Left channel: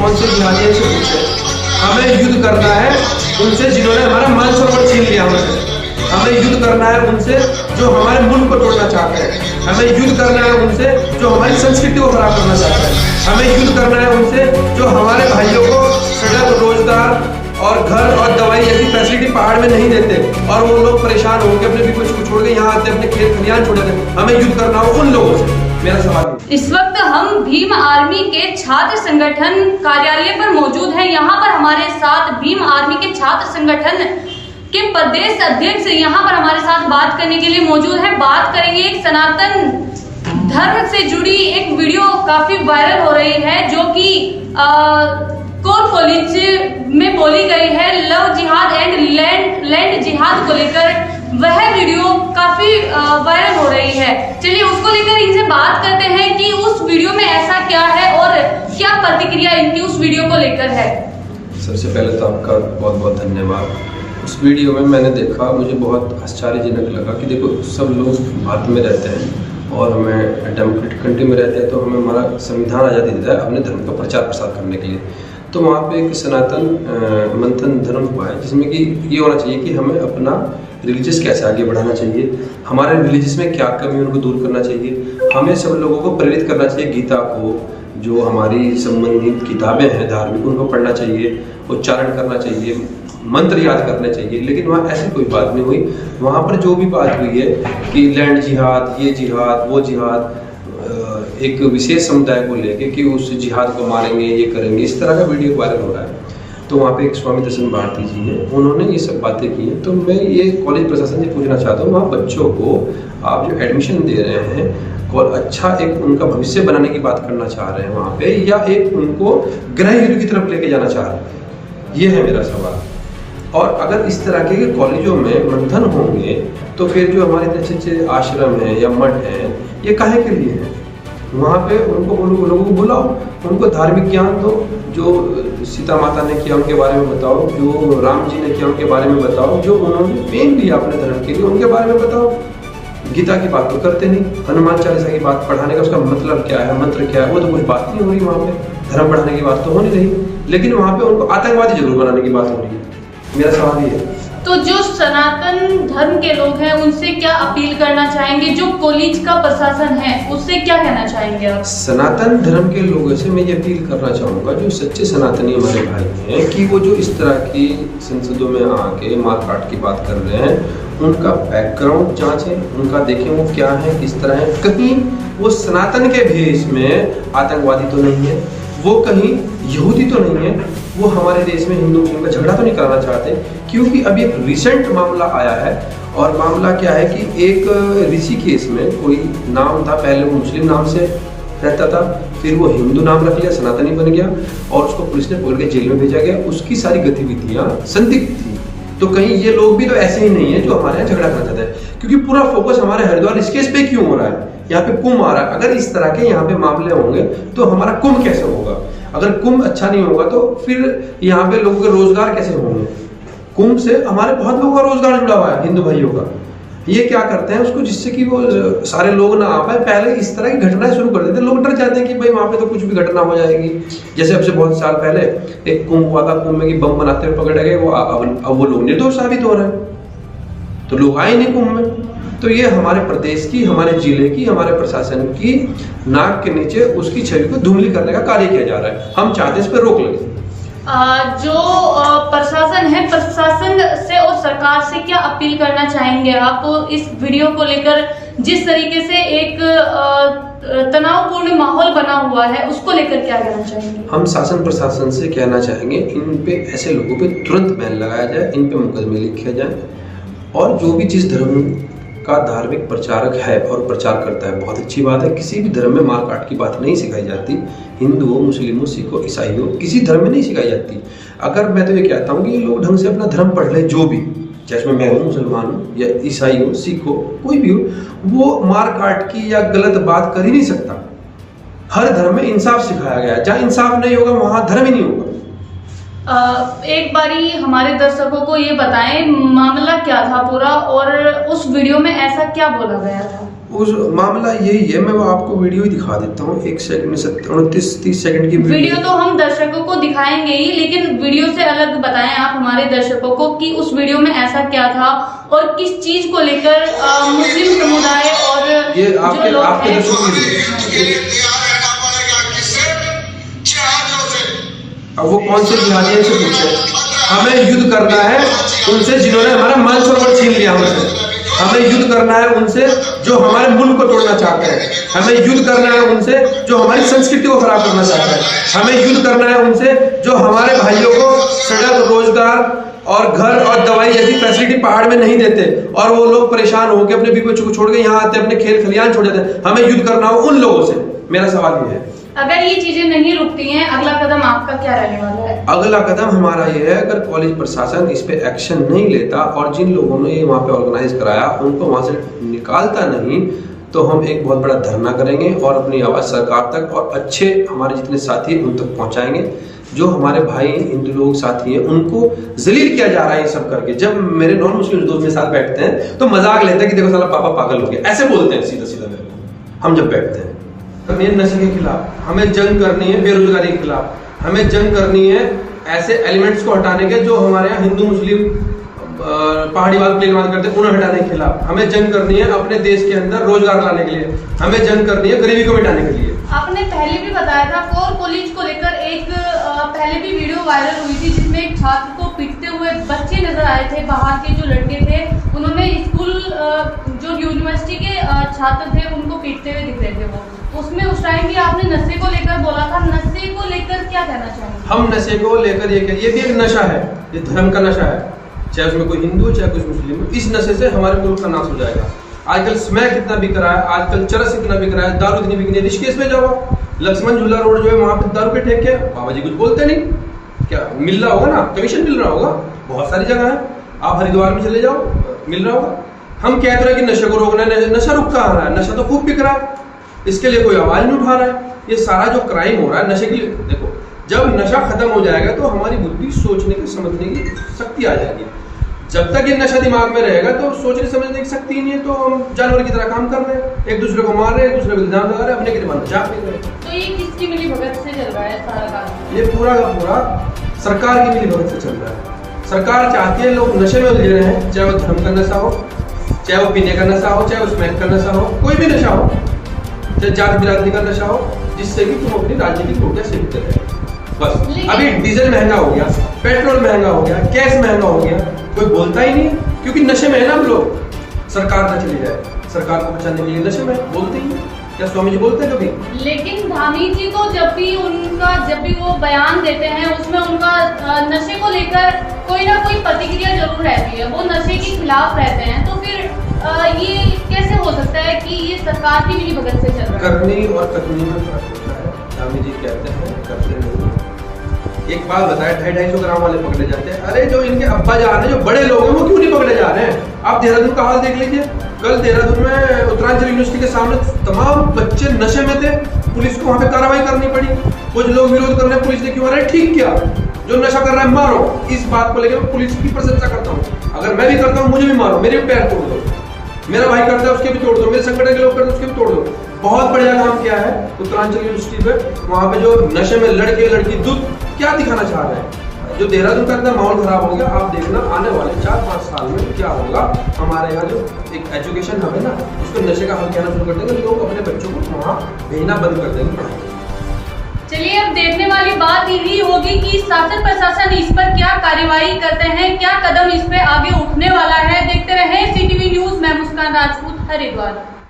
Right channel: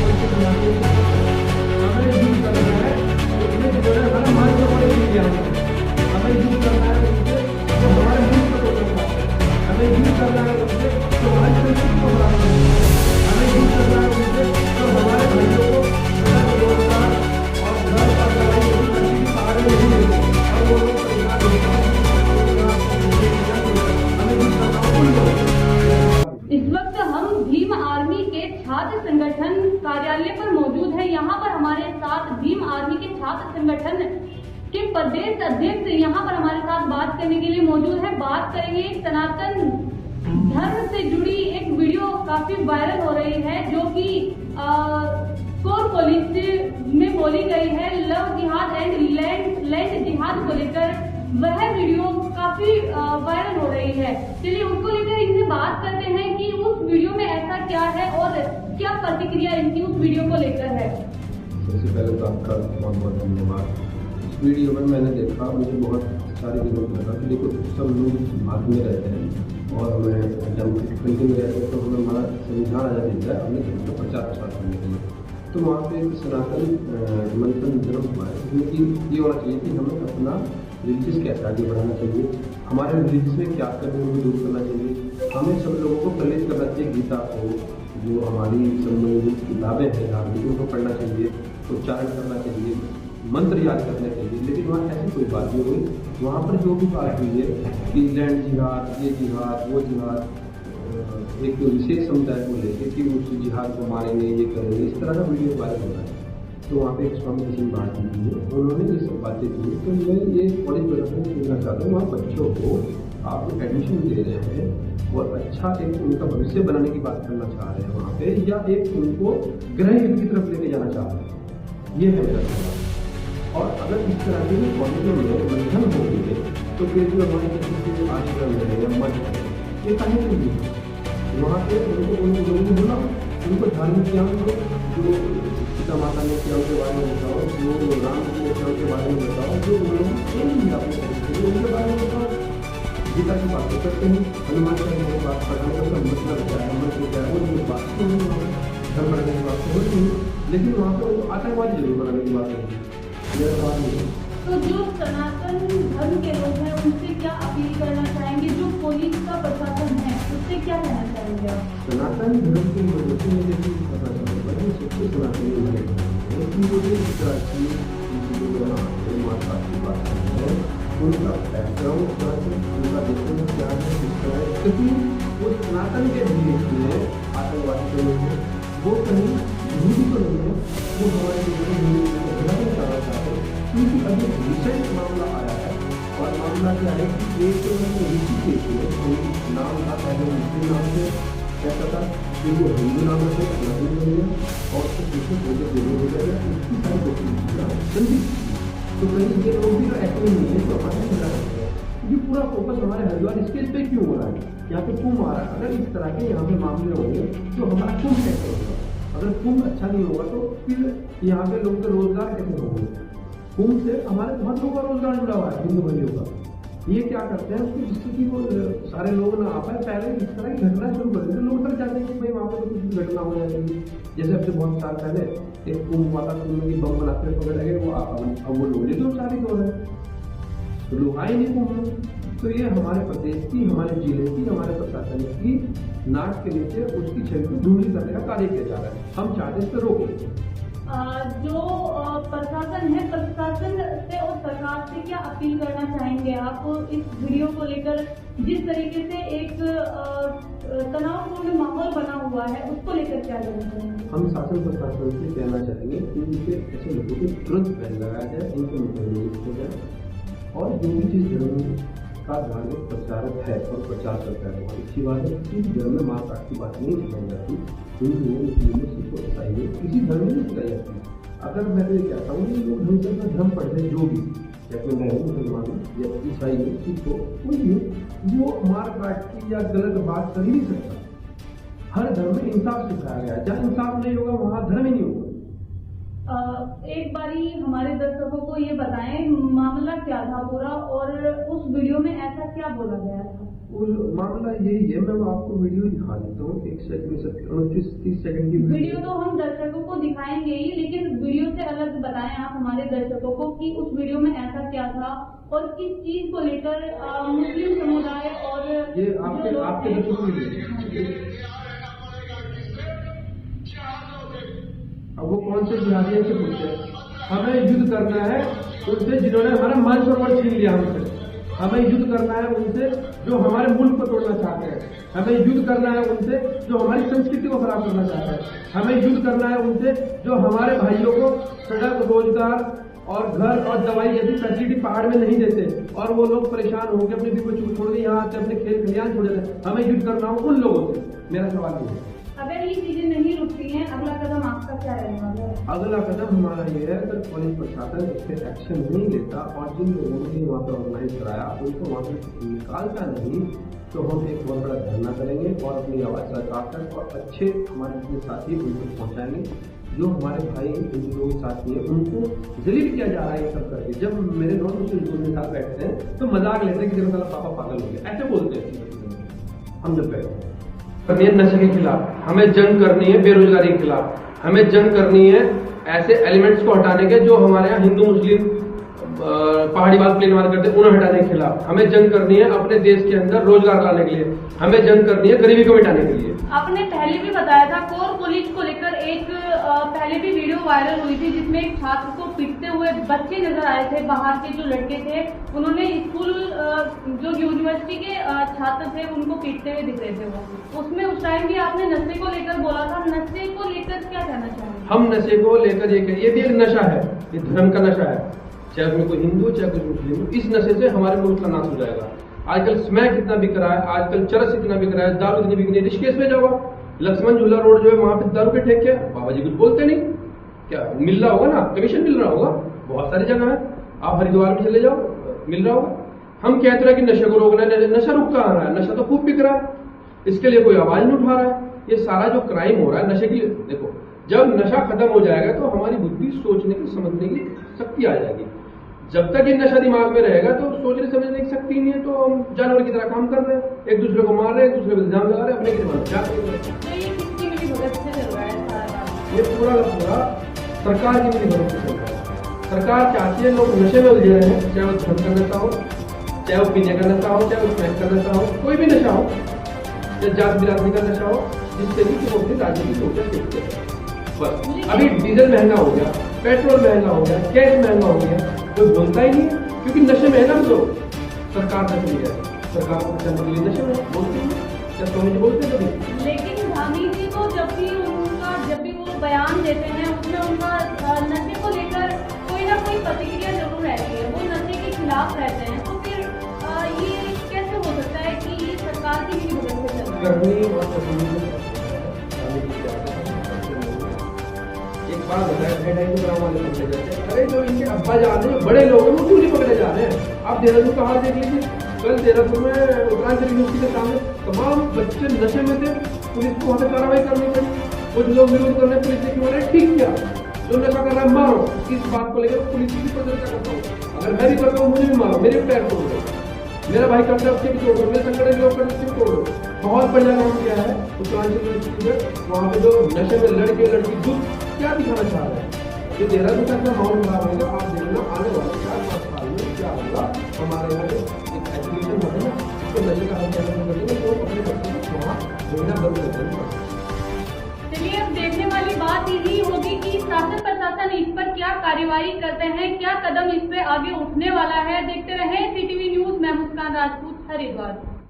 कौन से जिहादी से पूछे। हमें युद्ध करना है उनसे जिन्होंने हमारा मन सरोवर छीन लिया हमसे। हमें युद्ध करना है उनसे जो हमारे मुल्क को तोड़ना चाहते हैं। हमें युद्ध करना है उनसे जो हमारी संस्कृति को खराब करना चाहते हैं। हमें युद्ध करना है उनसे जो हमारे भाइयों को सड़क, रोजगार और घर और दवाई जैसी फैसिलिटी पहाड़ में नहीं देते और वो लोग परेशान होकर अपने कुछ छोड़ के यहाँ आते अपने खेत खलियान छोड़ देते। हमें युद्ध करना हो उन लोगों से। मेरा सवाल इस वक्त हम भीम आर्मी के छात्र संगठन कार्यालय पर मौजूद हैं। यहाँ पर हमारे साथ भीम आर्मी के छात्र संगठन के प्रदेश अध्यक्ष यहाँ पर हमारे साथ बात करने के लिए मौजूद है। बात करेंगे एक सनातन धर्म से जुड़ी एक वीडियो काफी वायरल हो रही है जो कि कोर कॉलेज में बोली गई है लव जिहाद एंड लैंड जिहाद को लेकर। वह वीडियो काफी वायरल हो रही है। चलिए उसको लेकर इनसे बात करते हैं कि उस वीडियो में ऐसा क्या है और क्या प्रतिक्रिया इनकी उस वीडियो को लेकर है। सबसे पहले तो आपका बहुत बहुत धन्यवाद। उस वीडियो में मैंने देखा, मुझे बहुत आश्चर्यजनक लगा कि देखो सब लोग भारत में रहते हैं और हमें डेमोक्रेटिक कंट्री में रहते हैं तो हमें हमारा संविधान आज़ादी देता है अपने धर्म का प्रचार प्रसार करने के लिए। तो वहाँ पे एक सनातन मंथन धर्म हुआ है जिसमें कि ये होना चाहिए कि हमें अपना रिलीजियस कैसे आगे बढ़ाना चाहिए, हमारे रिलीजियस में क्या कमी उनको दूर करना चाहिए, हमें सब लोगों को प्रेरित करना चाहिए। गीता को, जो हमारी संबंधित किताबें हैं धार्मिक, उनको पढ़ना चाहिए, उच्चारण करना चाहिए, मंत्र याद करने चाहिए। लेकिन वहाँ ऐसी कोई बात नहीं हुई। वहाँ पर जो भी बात हुई है कि लैंड जिहाद, ये जिहाद, वो जिहाद, एक विशेष समुदाय को लेके कि उस जिहाद को मारेंगे, ये करेंगे, इस तरह का वीडियो वायरल हो रहा है। तो वहाँ पे एक स्वामी दर्शन भारती जी हैं, उन्होंने ये सब बातें की हैं। तो मैं ये कॉलेज प्रशासन से पूछना चाहता हूँ, वहाँ बच्चों को आप जो एडमिशन दे रहे हैं और अच्छा एक उनका भविष्य बनाने की बात करना चाह रहे हैं वहाँ पे, या एक उनको गृह युद्ध की तरफ लेके जाना चाह रहे हैं, ये है मेरा सवाल। और अगर इस तरह के कॉलेजों में मंथन होंगे तो फिर जो हमारे अच्छे अच्छे आश्रम हैं या मठ हैं, ये काहे के लिए है? वहाँ पे उनको उन लोगों को बुलाओ, उनको धार्मिक ज्ञान दो, जो सीता माता ने किया उनके बारे में बताओ, जो राम जी ने किया उनके बारे में बताओ, जो उन्होंने पेन लिया अपने धर्म के लिए उनके बारे में बताओ। गीता की बात तो करते नहीं, हनुमान चालीसा की बात पढ़ाने का उसका मतलब क्या है, मंत्र क्या है, वो तो कुछ बात नहीं हो रही वहाँ पे। धर्म पढ़ाने की बात तो हो नहीं रही, लेकिन वहाँ पे उनको आतंकवादी जरूर बनाने की बात हो रही है। मेरा सवाल ये है। तो जो सनातन धर्म के लोग हैं उनसे क्या अपील करना चाहेंगे, जो कॉलेज का प्रशासन है उससे क्या कहना चाहेंगे आप? सनातन धर्म के लोगों से मैं ये अपील करना चाहूँगा, जो सच्चे सनातनी हमारे भाई हैं, कि वो जो इस तरह की संसदों में आके मारकाट की बात कर रहे हैं, उनका बैकग्राउंड जांचें, उनका देखें वो क्या है, किस तरह है। कहीं वो सनातन के भेष में आतंकवादी तो नहीं है, वो कहीं यहूदी तो नहीं है, वो हमारे देश में हिंदू मुस्लिम का झगड़ा तो नहीं कराना चाहते। क्योंकि अभी एक रिसेंट मामला आया है, और मामला क्या है कि एक ऋषिकेश में कोई नाम था, पहले वो मुस्लिम नाम से रहता था, फिर वो हिंदू नाम रख लिया, सनातनी बन गया और उसको पुलिस ने पकड़ के जेल में भेजा गया। उसकी सारी गतिविधियाँ संदिग्ध थी। तो कहीं ये लोग भी तो ऐसे ही नहीं है जो हमारे यहाँ झगड़ा करना चाहते हैं, क्योंकि पूरा फोकस हमारे हरिद्वार ऋषिकेश पे क्यों हो रहा है? यहाँ पे कुंभ आ रहा है। अगर इस तरह के यहाँ पे मामले होंगे तो हमारा कुंभ कैसे होगा? अगर कुंभ अच्छा नहीं होगा तो फिर यहाँ पे लोगों के रोजगार कैसे होंगे? कुंभ से हमारे बहुत लोगों का रोजगार जुड़ा हुआ है, हिंदू भाइयों का। ये क्या करते हैं उसको, जिससे कि वो सारे लोग ना आ पाए, पहले इस तरह की घटनाएं शुरू कर देते हैं। लोग डर जाते हैं कि भाई वहाँ पे तो कुछ भी घटना हो जाएगी। जैसे अब से बहुत साल पहले एक कुंभ हुआ था, कुंभ में कि बम बनाते हुए पकड़े गए, वो अब वो लोग निर्दोष साबित हो रहे हैं, तो लोग आए नहीं कुंभ में। तो ये हमारे प्रदेश की, हमारे जिले की, हमारे प्रशासन की नाक के नीचे उसकी छवि को धुंधली करने का कार्य किया जा रहा है। हम चाहते हैं इस पर रोक लगे। जो प्रशासन है, प्रशासन से और सरकार से क्या अपील करना चाहेंगे आप इस वीडियो को लेकर? जिस तरीके से एक तनावपूर्ण माहौल बना हुआ है, उसको लेकर क्या कहना चाहेंगे? हम शासन प्रशासन से कहना चाहेंगे, इन पे ऐसे लोगों पे तुरंत बैन लगाया जाए, इन पे मुकदमे लिखे जाए, और जो भी जिस धर्म का धार्मिक प्रचारक है और प्रचार करता है, बहुत अच्छी बात है। किसी भी धर्म में मारकाट की बात नहीं सिखाई जाती। हिंदू हो, मुस्लिम हो, सिख हो, ईसाई हो, किसी धर्म में नहीं सिखाई जाती। अगर मैं तो ये कहता हूँ कि ये लोग ढंग से अपना धर्म पढ़ ले, जो भी, चाहे मैं हूँ, मुसलमान हूँ या ईसाई हो, सिख हो, कोई भी हो, वो मारकाट की या गलत बात कर ही नहीं सकता। हर धर्म में इंसाफ सिखाया गया है। जहाँ इंसाफ नहीं होगा वहाँ धर्म ही नहीं होगा। एक बारी हमारे दर्शकों को ये बताएं, मामला क्या था पूरा, और उस वीडियो में ऐसा क्या बोला गया था? उस मामला यही है, मैं वो आपको वीडियो ही दिखा देता हूँ। 1 सेकंड में 29-30 सेकंड की वीडियो तो हम दर्शकों को दिखाएंगे ही, लेकिन वीडियो से अलग बताएं आप हमारे दर्शकों को कि उस वीडियो में ऐसा क्या था और किस चीज को लेकर मुस्लिम समुदाय और ये जो आपके लोग आपके हैं अब वो कौन से जिहादियों से पूछे। हमें युद्ध करना है उनसे जिन्होंने हमारा मान सरोवर छीन लिया हमसे। हमें युद्ध करना है उनसे जो हमारे मुल्क को तोड़ना चाहते हैं। हमें युद्ध करना है उनसे जो हमारी संस्कृति को खराब करना चाहते हैं। हमें युद्ध करना है उनसे जो हमारे भाइयों को सड़क, रोजगार और घर और दवाई जैसी फैसिलिटी पहाड़ में नहीं देते और वो लोग परेशान होकर अपने बीवी बच्चों को छोड़ के यहाँ आते, अपने खेल खलियान छोड़ जाते हैं। हमें युद्ध करना हो उन लोगों से। मेरा सवाल ये है, अगर ये चीजें नहीं रुकती हैं, अगला कदम आपका क्या रहने वाला है? अगला कदम हमारा ये है, अगर कॉलेज प्रशासन इस पे एक्शन नहीं लेता और जिन लोगों ने ये वहाँ पे ऑर्गेनाइज कराया उनको वहाँ से निकालता नहीं, तो हम एक बहुत बड़ा धरना करेंगे और अपनी आवाज़ सरकार तक और अच्छे हमारे जितने साथी हैं उन तक पहुँचाएंगे। जो हमारे भाई हिंदू लोग साथी हैं उनको जलील किया जा रहा है ये सब करके। जब मेरे नॉन मुस्लिम दोस्त मेरे साथ बैठते हैं तो मजाक लेते हैं कि देखो साला पापा पागल हो गया, ऐसे बोलते हैं सीधा सीधा। हम जब बैठते हैं करनी है नशे के खिलाफ, हमें जंग करनी है बेरोजगारी के खिलाफ, हमें जंग करनी है ऐसे एलिमेंट्स को हटाने के जो हमारे यहाँ हिंदू मुस्लिम पहाड़ीवाद प्लेनवाद करते हैं उन्हें हटाने के खिलाफ, हमें जंग करनी है अपने देश के अंदर रोजगार लाने के लिए, हमें जंग करनी है गरीबी को मिटाने के लिए। आपने पहले भी बताया था कोर कॉलेज को लेकर एक पहले भी वीडियो वायरल हुई थी जिसमें एक छात्र को पीटते हुए बच्चे नजर आए थे, बाहर के जो लड़के थे उन्होंने स्कूल जो यूनिवर्सिटी के छात्र थे उनको पीटते हुए दिख रहे थे। वो उसमें उस टाइम भी आपने नशे को लेकर बोला था, नशे को लेकर क्या कहना चाहेंगे? ये नशे को लेकर ये भी एक नशा है, ये धर्म का नशा है, चाहे उसमें कोई हिंदू चाहे कोई मुस्लिम। इस नशे से हमारे मुल्क का नाश हो जाएगा। आजकल स्मैक कितना बिक रहा है, आजकल चरस कितना बिक रहा है, दारू इतनी बिक रही है। ऋषिकेश में जाओ, लक्ष्मण झूला रोड जो है वहाँ पे दारू के ठेके, बाबा जी कुछ बोलते नहीं, क्या मिल रहा होगा ना, कमीशन मिल रहा होगा, बहुत सारी जगह है। आप हरिद्वार में चले जाओ, मिल रहा होगा। हम कहते रहे कि नशे को रोकना है, नशा रुक कहाँ रहा है? नशा तो खूब बिक रहा है, इसके लिए कोई आवाज नहीं उठा रहा है। ये सारा जो क्राइम हो रहा है नशे के लिए, देखो जब नशा खत्म हो जाएगा तो हमारी बुद्धि सोचने की समझने की शक्ति आ जाएगी। जब तक ये नशा दिमाग में रहेगा तो सोचने समझने की शक्ति ही नहीं है, तो हम जानवर की तरह काम कर रहे हैं, एक दूसरे को मार रहे हैं, एक दूसरे को इल्जाम लगा रहे हैं, अपने की दिमाग चाप रहे हैं। तो ये किसकी मिलीभगत से चल रहा है सारा काम? ये पूरा का पूरा सरकार की मिलीभगत से चल रहा है। सरकार चाहती है लोग नशे में उलझे रहे हैं, चाहे वो धर्म का नशा हो, चाहे वो पीने का नशा हो, चाहे वो स्मैक का नशा हो, कोई भी नशा हो, चाहे जात बिरादरी का नशा हो, जिससे कि तुम अपनी राजनीतिक रोटियां सेकते रहे। बस अभी डीजल महंगा हो गया, पेट्रोल महंगा हो गया, गैस महंगा हो गया, कोई बोलता ही नहीं क्योंकि नशे में है ना हम लोग। सरकार न चली जाए, सरकार को बचाने के लिए नशे में बोलते ही नहीं। क्या स्वामी जी बोलते हैं कभी? लेकिन धामी जी को जब भी वो बयान देते हैं उसमें उनका नशे को लेकर कोई ना कोई प्रतिक्रिया जरूर रहती है, वो नशे के खिलाफ रहते हैं। तो फिर ये कैसे हो सकता है कि ये सरकार की मिलीभगत से चल रहा है? करनी और तकनीक में फर्क होता है। स्वामी जी कहते हैं करते लोग। एक बात बताए, 250 ग्राम वाले पकड़े जाते हैं। अरे जो इनके अब्बा जान है, जो बड़े लोग हैं, वो क्यों नहीं पकड़े जा रहे हैं? आप देहरादून का हाल देख लीजिए। कल देहरादून में उत्तरांचल यूनिवर्सिटी के सामने तमाम बच्चे नशे में थे, पुलिस को वहाँ पे कार्रवाई करनी पड़ी। कुछ लोग विरोध कर रहे हैं, पुलिस ने क्यों मारा? ठीक किया, जो नशा कर रहा है मारो। इस बात को लेकर पुलिस की प्रशंसा करता हूँ। अगर मैं भी करता हूँ मुझे भी मारो, मेरे भी पैर तोड़ दो, मेरा भाई करता है उसके भी तोड़ दो, मेरे संगठन के लोग करते हैं उसके भी तोड़ दो। बहुत बढ़िया काम किया है उत्तरांचल यूनिवर्सिटी पे। वहाँ पे जो नशे में लड़के लड़की दूध क्या दिखाना चाह रहे हैं? जो देहरादून का इतना माहौल खराब हो गया, आप देखना आने वाले 4-5 साल में क्या होगा। हमारे यहाँ जो एक एजुकेशन हब है ना, उसको नशे का हब कहना शुरू कर देंगे, लोग अपने बच्चों को वहाँ भेजना बंद कर देंगे पढ़ाई। चलिए, अब देखने वाली बात यही होगी कि शासन प्रशासन इस पर क्या कार्यवाही करते हैं, क्या कदम इस पे आगे उठने वाला है। देखते रहें CTV न्यूज। मैं मुस्कान राजपूत, हरिद्वार।